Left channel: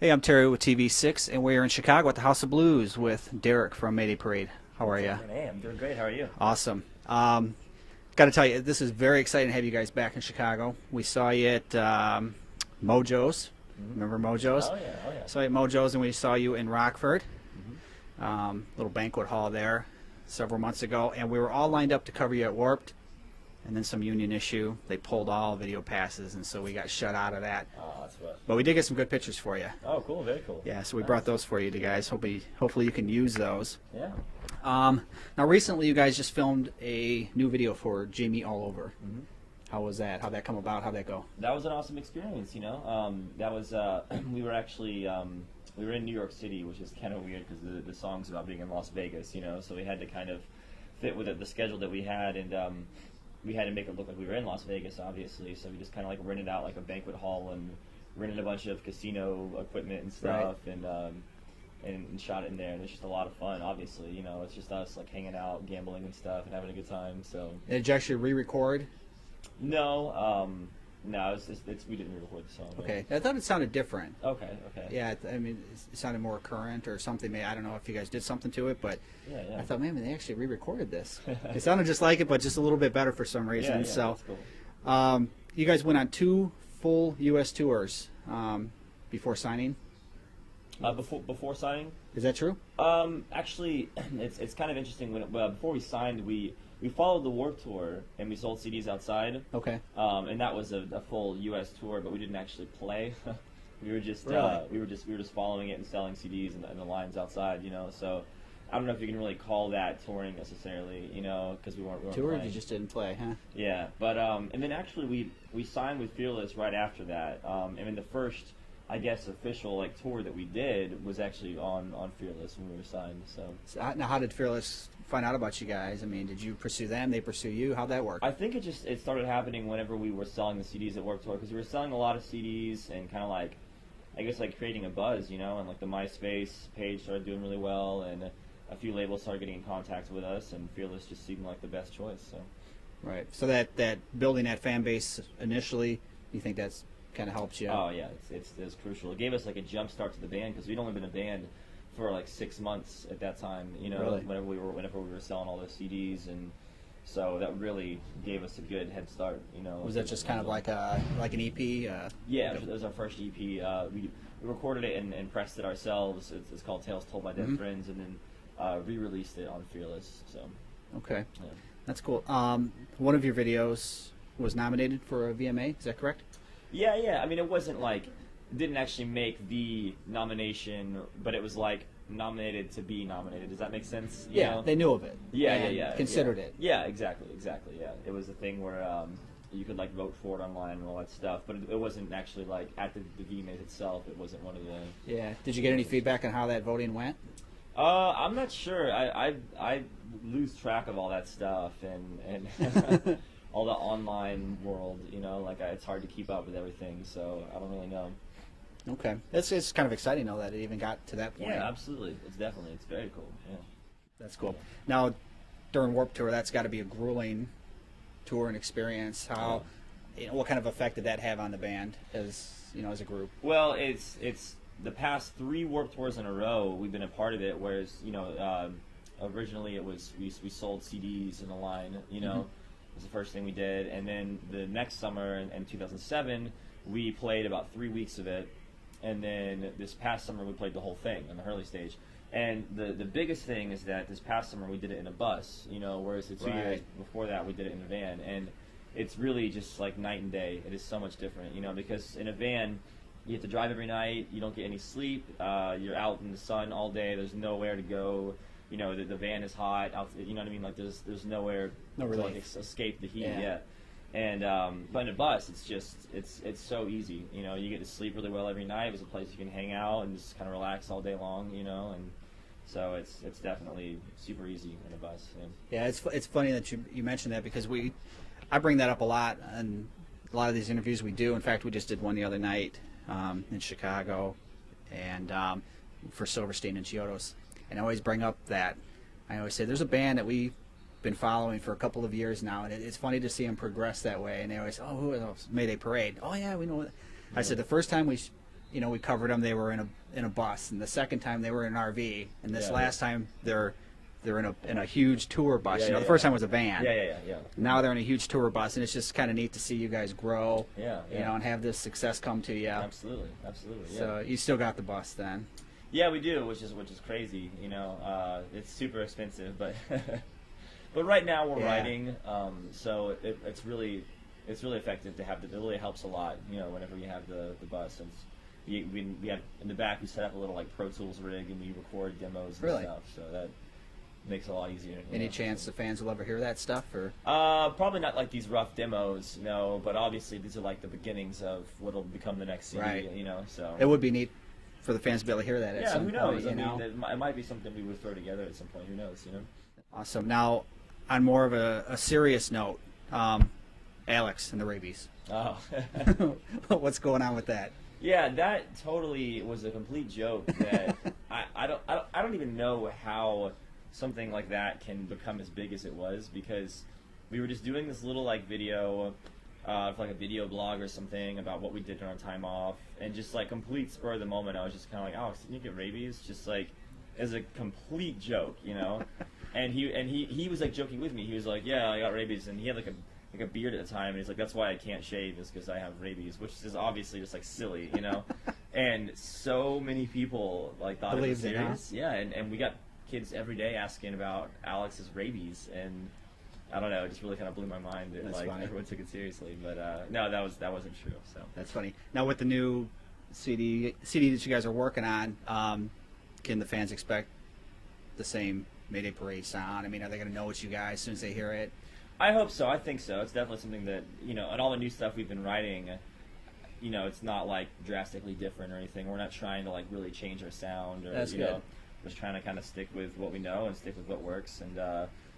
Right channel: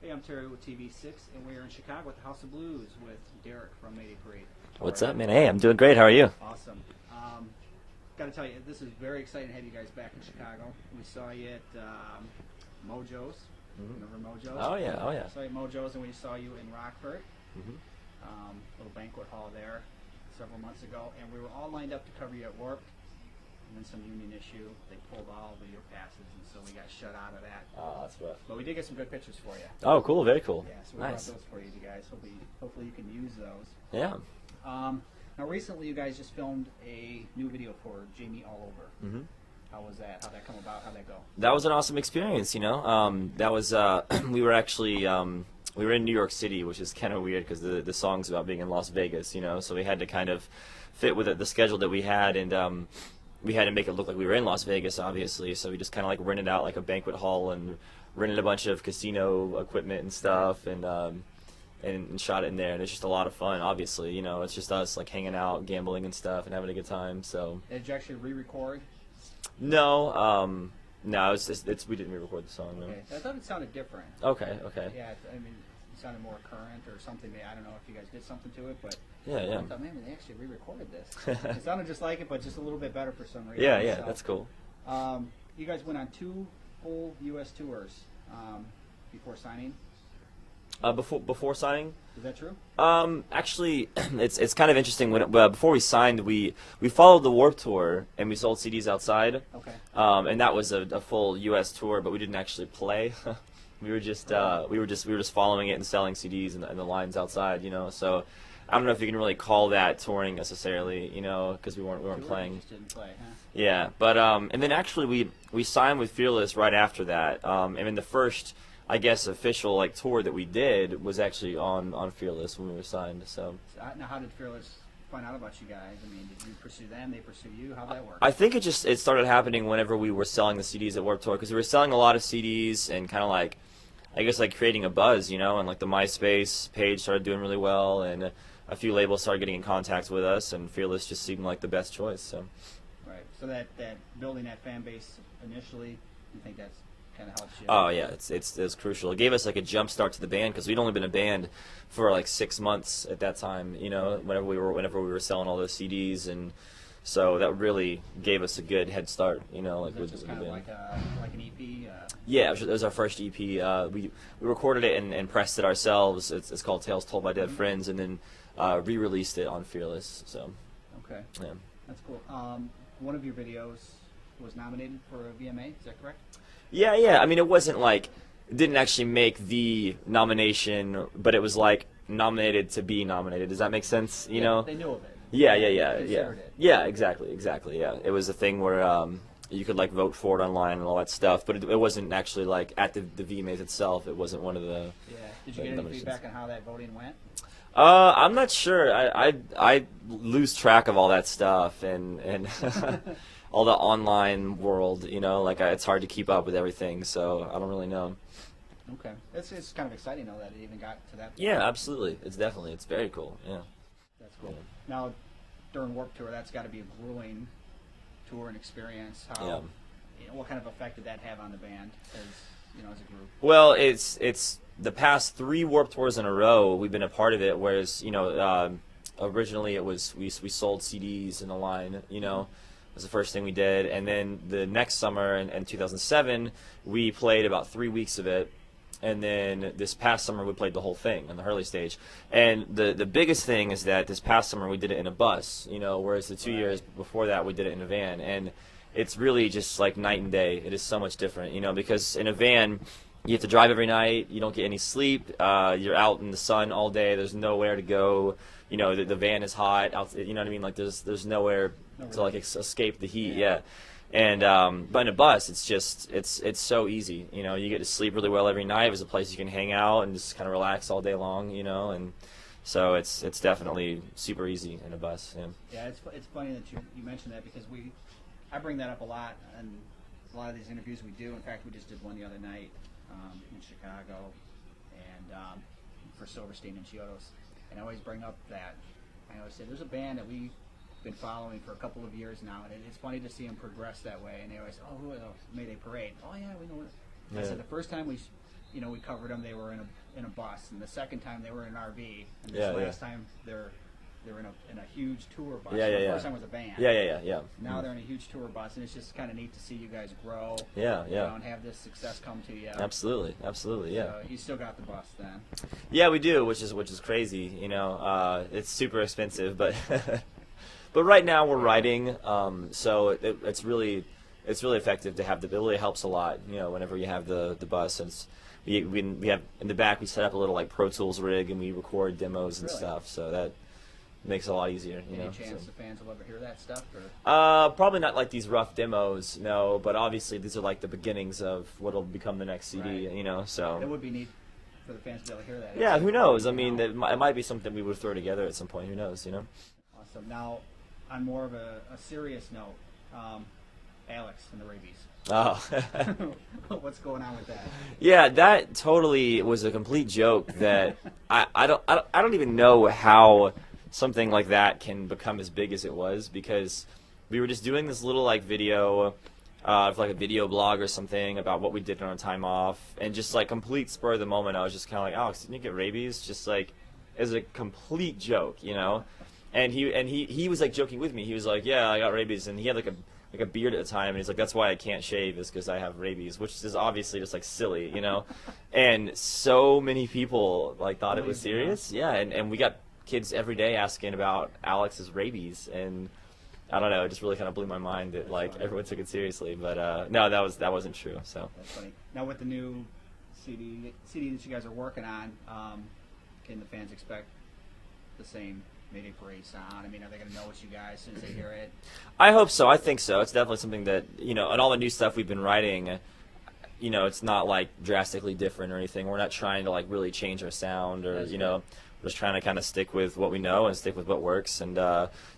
Hey, I'm Terry with TV6, and we're in Chicago at the House of Blues with Derek from Mayday Parade. How What's are you? up, man? Hey, I'm doing great. How are you? Awesome. Got to tell you, this is very exciting to have you guys back in Chicago. We saw you at Mojo's. Remember Mojo's? Oh yeah, oh yeah. Saw you at Mojo's, and we saw you in Rockford, little banquet hall there, several months ago, and we were all lined up to cover you at Warped, and then some union issue. They pulled all video passes, and so we got shut out of that. Oh, that's rough. But we did get some good pictures for you. Oh, cool. Very cool. Yeah, so we Nice. brought those for you guys. Hopefully you can use those. Yeah. Now, recently you guys just filmed a new video for Jamie All Over. Mhm. How was that? How'd that come about? How'd that go? That was an awesome experience. That was we were actually we were in New York City, which is kind of weird because the song's about being in Las Vegas. So we had to kind of fit with the schedule that we had, and we had to make it look like we were in Las Vegas, obviously. So we just kind of like rented out like a banquet hall and rented a bunch of casino equipment and stuff, and shot it in there. And it's just a lot of fun. Obviously, it's just us like hanging out, gambling and stuff, and having a good time. So Did you actually re-record? no, we didn't re-record the song. Right? Okay, I thought it sounded different. Okay. Yeah, I mean, it sounded more current or something. I don't know if you guys did something to it, but Yeah. I thought, man, they actually re-recorded this. It sounded just like it, but just a little bit better for some reason. Yeah, So, that's cool. you guys went on 2 full U.S. tours before signing. Before signing, Is that true? actually, it's kind of interesting. Before we signed, we followed the Warped Tour and we sold CDs outside. Okay. And that was a full U.S. tour, but we didn't actually play. We were just we were just following it and selling CDs and the lines outside. So I don't know if you can really call that touring necessarily. Because we weren't Tour? playing. You just didn't play, huh? Yeah, but and then actually we signed with Fearless right after that. And then the first, I guess, official tour that we did was actually on Fearless when we were signed. So Now, how did Fearless find out about you guys? I mean, did you pursue them? They pursue you? How'd that work? I think it started happening whenever we were selling the CDs at Warped Tour, because we were selling a lot of CDs and kind of creating a buzz, and the MySpace page started doing really well, and a few labels started getting in contact with us, and Fearless just seemed like the best choice. So. Right. So that building that fan base initially, you think that's kind of helped you? Oh yeah, it's crucial. It gave us a jump start to the band because we'd only been a band for 6 months at that time. Really? Whenever we were selling all those CDs, and so that really gave us a good head start. Was that just kind of like an EP? Yeah, it was our first EP. We recorded it and pressed it ourselves. It's called Tales Told by Dead Friends, and then re-released it on Fearless. So. Okay. Yeah. That's cool. One of your videos was nominated for a VMA. Is that correct? Yeah. I mean, it wasn't it didn't actually make the nomination, but it was nominated to be nominated. Does that make sense? You know? They knew of it. Yeah. Considered it. Yeah, exactly. Yeah, it was a thing where you could vote for it online and all that stuff, but it wasn't actually at the VMAs itself. It wasn't one of the. Yeah. Did you get any feedback on how that voting went? I'm not sure. I lose track of all that stuff and all the online world. It's hard to keep up with everything, so I don't really know. Okay. It's kind of exciting though that it even got to that point. Yeah, absolutely. It's very cool. Yeah. That's cool. Now, during Warped Tour, that's got to be a grueling tour and experience. How, what kind of effect did that have on the band as a group? Well, it's the past 3 Warped Tours in a row we've been a part of it. Whereas originally it was we sold CDs in a line. It was the first thing we did, and then the next summer in 2007 we played about 3 weeks of it. And then this past summer we played the whole thing on the Hurley stage. And the biggest thing is that this past summer we did it in a bus, whereas the 2 years before that we did it in a van. And it's really just night and day. It is so much different, because in a van you have to drive every night, you don't get any sleep, you're out in the sun all day, there's nowhere to go, the van is hot, you know what I mean? There's nowhere to escape the heat, yeah. And but in a bus, it's so easy. You get to sleep really well every night. There's a place you can hang out and just kind of relax all day long. And so it's definitely super easy in a bus. Yeah, it's funny that you mentioned that because I bring that up a lot in a lot of these interviews we do. In fact, we just did one the other night in Chicago, and for Silverstein and Chiodos, and I always bring up that I always say there's a band that we've been following for a couple of years now, and it's funny to see them progress that way. And they always, who are those? Mayday Parade. Oh yeah, we know. I said the first time we you know, we covered them. They were in a bus, and the second time they were in an RV, and this last time they're in a huge tour bus. Yeah, you know, yeah, the first time was a van. Yeah. Now they're in a huge tour bus, and it's just kind of neat to see you guys grow. Yeah. You know, and have this success come to you. Absolutely. Yeah. So you still got the bus then? Yeah, we do, which is crazy. You know, it's super expensive, but but right now we're riding, so it's really effective to have the. It really helps a lot. You know, whenever you have the bus, and we have in the back we set up a little like Pro Tools rig and we record demos and stuff, so that makes it a lot easier. Any chance the fans will ever hear that stuff, or? Probably not like these rough demos, no. But obviously these are like the beginnings of what'll become the next CD. Right. You know, so It would be neat for the fans to be able to hear that. yeah, who knows? I mean, know? it might be something we would throw together at some point. Who knows? You know. Awesome. Now, on more of a serious note, Alex and the rabies. Oh. What's going on with that? Yeah, that totally was a complete joke. That I don't even know how something like that can become as big as it was, because we were just doing this little like video, like a video blog or something about what we did on our time off, and just like complete spur of the moment, I was just kind of like, Alex, didn't you get rabies? Just like as a complete joke, you know. And he was like joking with me. He was like, yeah, I got rabies, and he had like a beard at the time, and he's like, that's why I can't shave, is because I have rabies, which is obviously just like silly, you know. And so many people like thought it was serious. Yeah, and we got kids every day asking about Alex's rabies, and I don't know, it just really kind of blew my mind that like everyone took it seriously. But no, that wasn't true. So that's funny. Now with the new CD that you guys are working on, can the fans expect the same Mayday Parade sound? I mean, are they going to know it's you guys as soon as they hear it? I hope so. I think so. It's definitely something that, you know, and all the new stuff we've been writing, you know, it's not like drastically different or anything. We're not trying to like really change our sound, or That's you know, we're just trying to kind of stick with what we know and stick with what works, and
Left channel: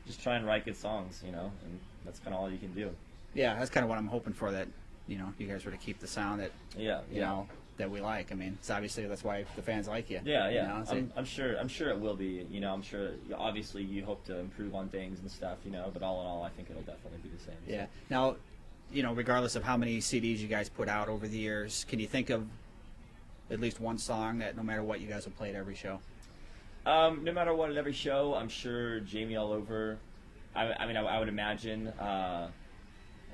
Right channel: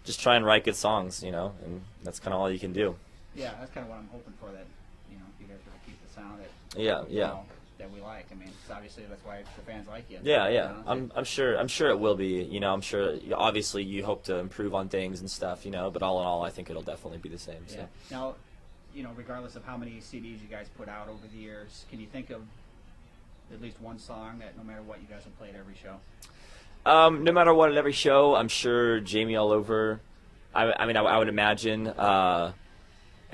just try and write good songs, you know, and that's kind of all you can do. Yeah, that's kind of what I'm hoping for, that, you know, you guys were to keep the sound that you know, that we like. I mean, it's obviously that's why the fans like you. Yeah. You know, I'm sure it will be. You know, I'm sure. Obviously, you hope to improve on things and stuff. You know, but all in all, I think it'll definitely be the same. So. Yeah. Now, you know, regardless of how many CDs you guys put out over the years, can you think of at least one song that no matter what you guys will play at every show? No matter what, at every show, I'm sure Jamie All Over. I mean, I would imagine.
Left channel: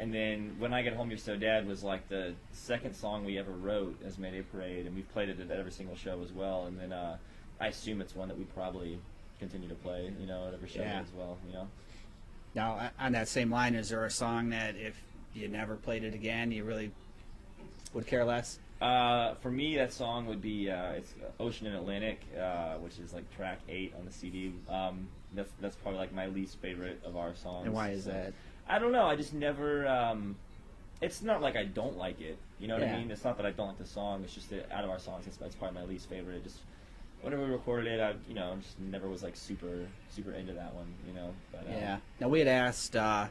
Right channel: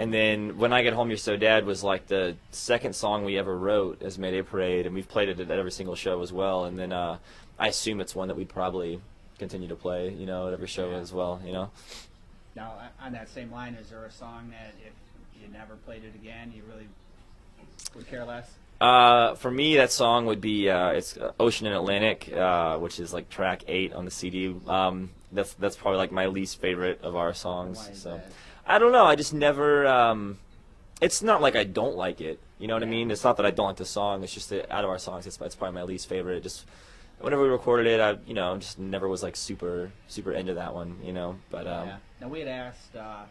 And then When I Get Home, You're So Dead was like the second song we ever wrote as Mayday Parade, and we've played it at every single show as well. And then I assume it's one that we'd probably continue to play, you know, at every show as well, you know. Now, on that same line, is there a song that if you never played it again, you really would care less? For me, that song would be it's Ocean and Atlantic, which is like track 8 on the CD. That's probably like my least favorite of our songs. And why is that? I don't know. I just never. It's not like I don't like it. You know what I mean? It's not that I don't like the song. It's just that out of our songs, it's probably my least favorite. Just whenever we recorded it, I just never was like super into that one. You know, but Now we had asked Alex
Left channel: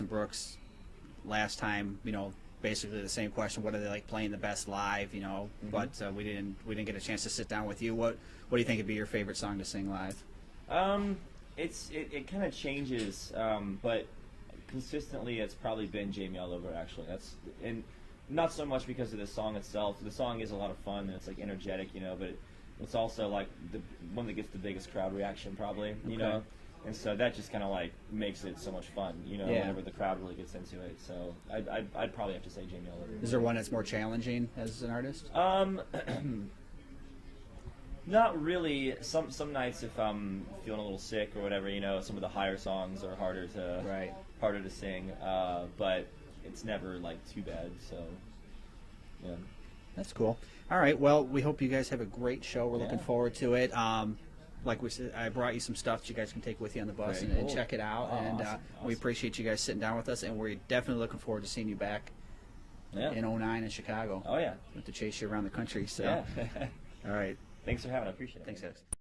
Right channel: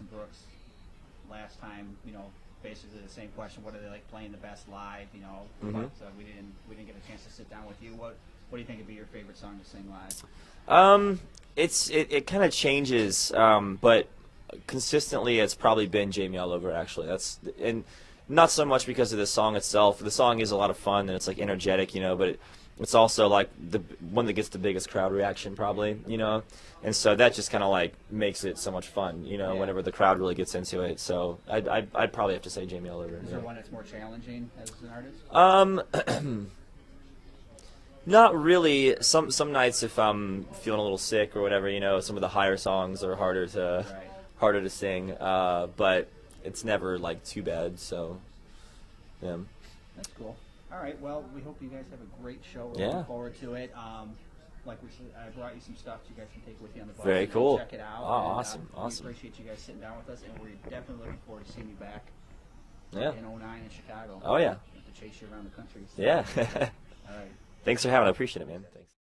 and Brooks last time. You know, basically the same question: what do they like playing the best live? You know, but we didn't get a chance to sit down with you. What do you think would be your favorite song to sing live? It kind of changes, but consistently it's probably been Jamie All Over, actually. And not so much because of the song itself. The song is a lot of fun and it's like energetic, you know, but it's also like the one that gets the biggest crowd reaction probably, you know. And so that just kind of like makes it so much fun, you know, whenever the crowd really gets into it. So I'd probably have to say Jamie All Over. Is there one that's more challenging as an artist? Not really. Some nights if I'm feeling a little sick or whatever, you know, some of the higher songs are harder to sing. But it's never like too bad. So yeah, that's cool. All right. Well, we hope you guys have a great show. We're looking forward to it. Like we said, I brought you some stuff that you guys can take with you on the bus. Very cool. Check it out. Oh, and, awesome. We appreciate you guys sitting down with us, and we're definitely looking forward to seeing you back in 2009 in Chicago. Oh yeah. To chase you around the country. So. Yeah. All right. Thanks for having. I appreciate it, man. Thanks,